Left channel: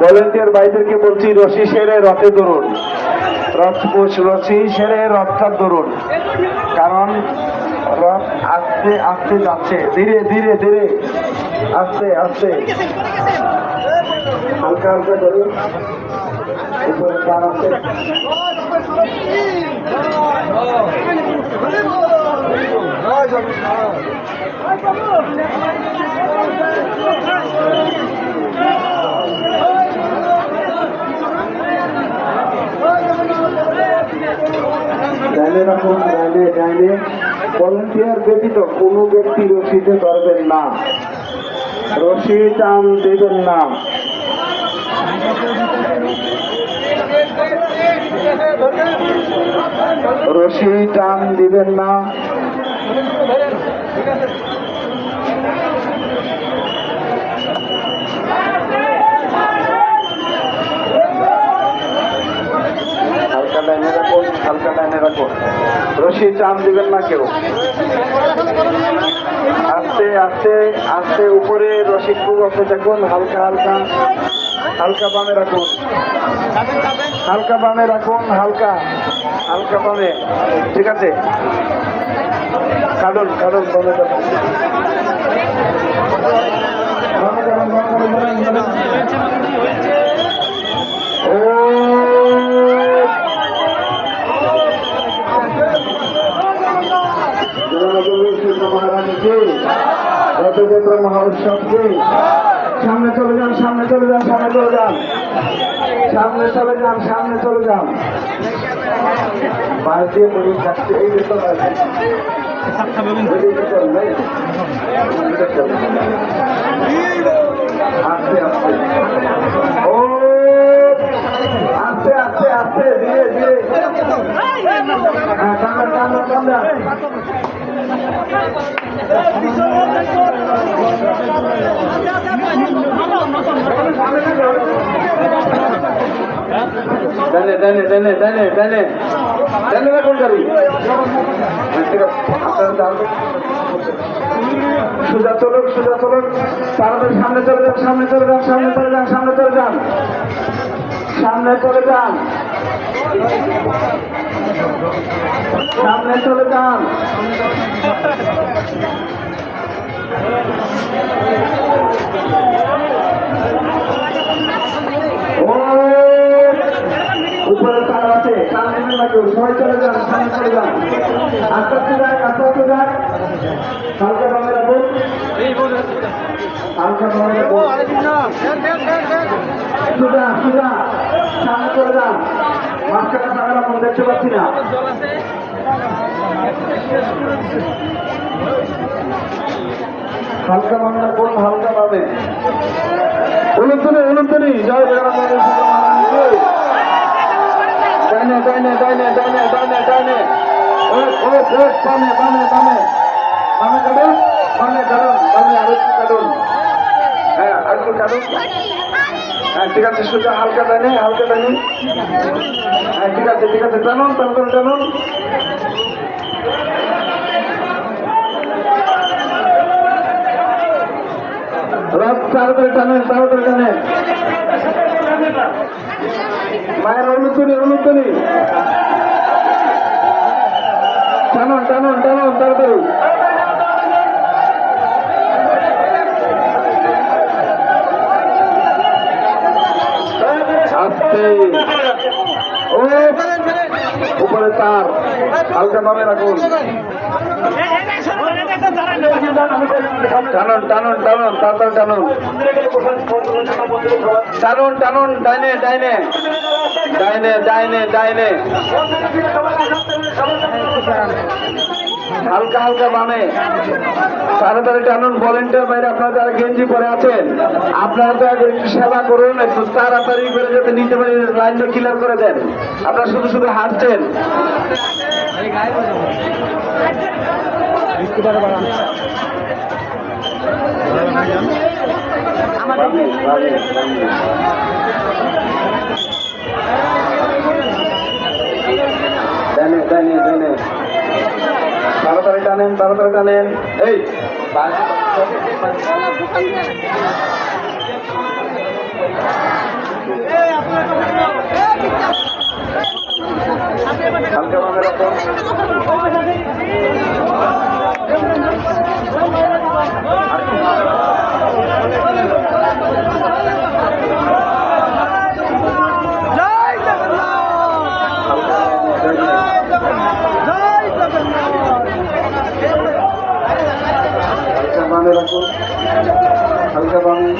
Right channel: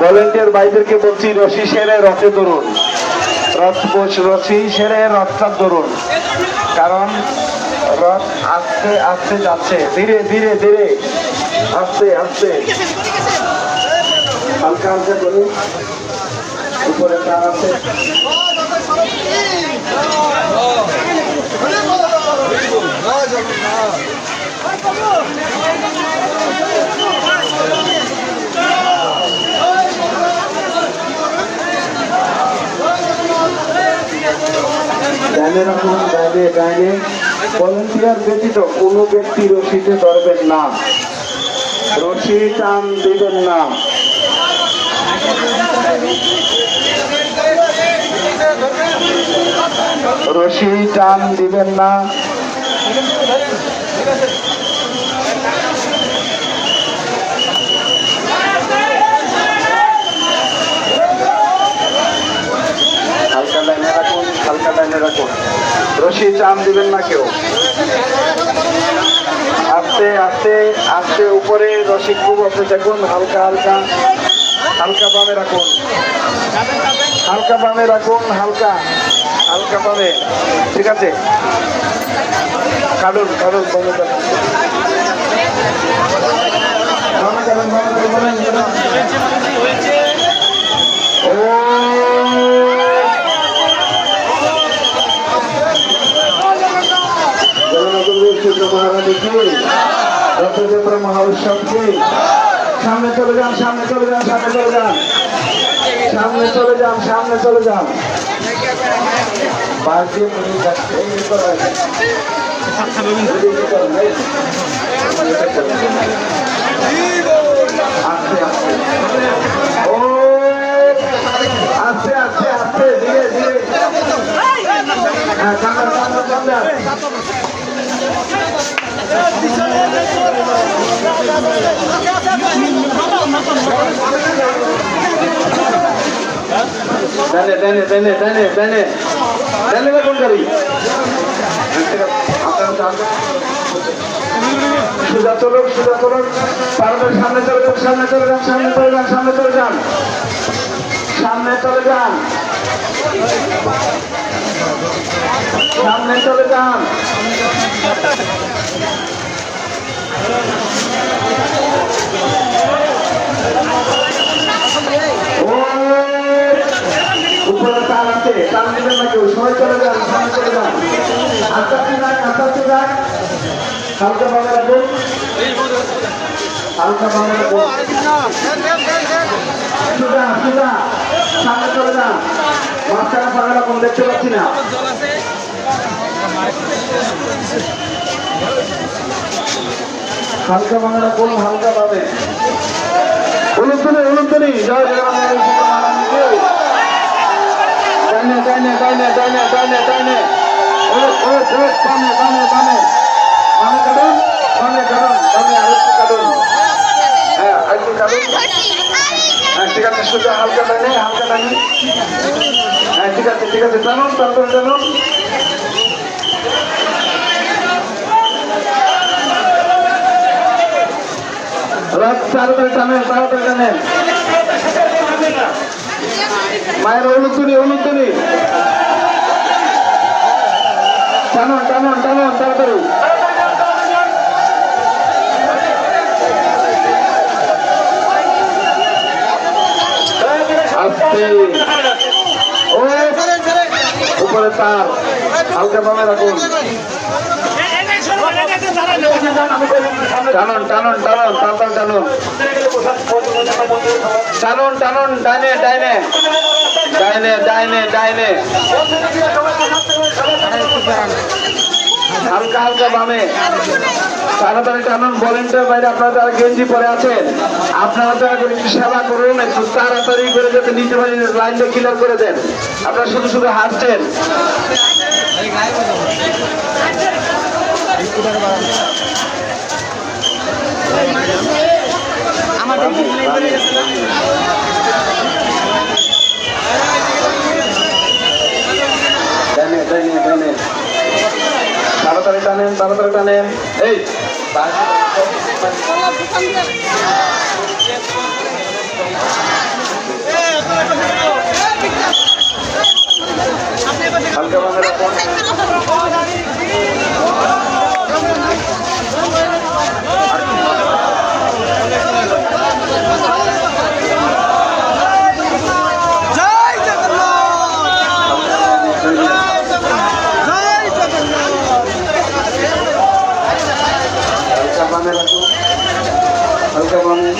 Volunteer ভাইদেরকে বলছি রশি সেরে রথে ধরুন, রশি সেরে রথটা ধরুন, কারণ রথ আস্তে আস্তে যাচ্ছে, ধীরে ধীরে ধীরে আস্তে আস্তে হালকা হালকা করুন। উপরে তার আছে, ডাইনে রাখুন, ডাইনে ডাইনে। ভলেন্টিয়ার ব্যতীত কোনো ব্যক্তি রশিতে ধরবেন না, রশি টান দিবেন না। রশি টান দিবেন না। হালকা লাইনে রাখুন, হালকা লাইনে রাখুন, রশি টান দিবেন না কেউ। আস্তে আস্তে আস্তে উপরে রশি খুব আস্তে দেখুন, হালকা হালকা হালকা বামে রাখুন, হালকা বামে রাখুন, হালকা হালকা বামে, ঠিক আছে। কারণ কারণ বামে রাখুন, মহাউৎসবকে সামনে চলে যান, সামনে চলে যান, সামনে চলে যান, সামনে চলে যান, সামনে চলে যান। বাইরে মনে থাকছে এই ভিতরে আস্তে আস্তে, ও আস্তে আস্তে আস্তে ধীরে ধীরে, হ্যাঁ কামড়া কামড়া কামড়া। ডানে ডানে ডানে ডানে ডানে ডানে রাখুন গাড়ি, সোজা চলুন, সোজা চলুন, তাড়াতাড়ি সামনে চলে যান, সামনে চলে যান, সামনে চলে যান, সামনে চলে যান, সামনে চলে যান, সামনে চলে যান। উপরে তার আছে, টান দিবেন না কেউ, সবাই চলে যান, সামনে চলে যান। আস্তে আস্তে যান, আস্তে আস্তে যান, হালকা ভাবে রাখুন, হালকা ভাবে রাখুন, সোজা সোজা সামনে চলে যান। মাঝখানে ফাঁকা রাখুন, দেখতে পাচ্ছি না। হালকা ভাবে রাখুন, হালকা ভাবে। উলুধ্বনি উলুধ্বনি, জয় জগন্নাথ মহারাজ। ডাইনে ডাইনে ডাইনে ডাইনে ডাইনে ডাইনে, ও ও ও ডানে ডানে ডানে, মানে কাটুন, মানে কাটুন, ডানে আরেকটু কাটুন, হ্যাঁ আরেকটু কাটুন, হ্যাঁ ঠিক আছে, সোজা হালকা ডাইনে, হালকা ডাইনে, হ্যাঁ ঠিক আছে ঠিক আছে, টানুন টানুন টানুন। রথ তাড়াতাড়ি টানেন, তাড়াতাড়ি টানেন। মায়ের উলুধ্বনি উলুধ্বনি, টানুন টানুন টানুন তাড়াতাড়ি। আস্তে, ও উপরে তার, হালকা ভাবে রাখুন, টানুন টানুন টানুন তাড়াতাড়ি টানুন, টানুন টানুন, ডাইনে ডাইনে ডাইনে ডাইনে ডাইনে, হালকা হালকা বামে, তাড়াতাড়ি টানুন। ভলেন্টিয়ার বাইরে আপনারা যারা গেঞ্জি পরে আছেন, আপনারা দয়া করে একটু সেবা করুন, একটু তাড়াতাড়ি করে যাতে নিচে লাইনটা ক্লিয়ার করে দেন। আপনারা শুধু শুধু হাঁটছেন। ডানে ডানে ডানে, তাড়াতাড়ি টানেন, তাড়াতাড়ি টানেন। এই রাখুন হালকা বামে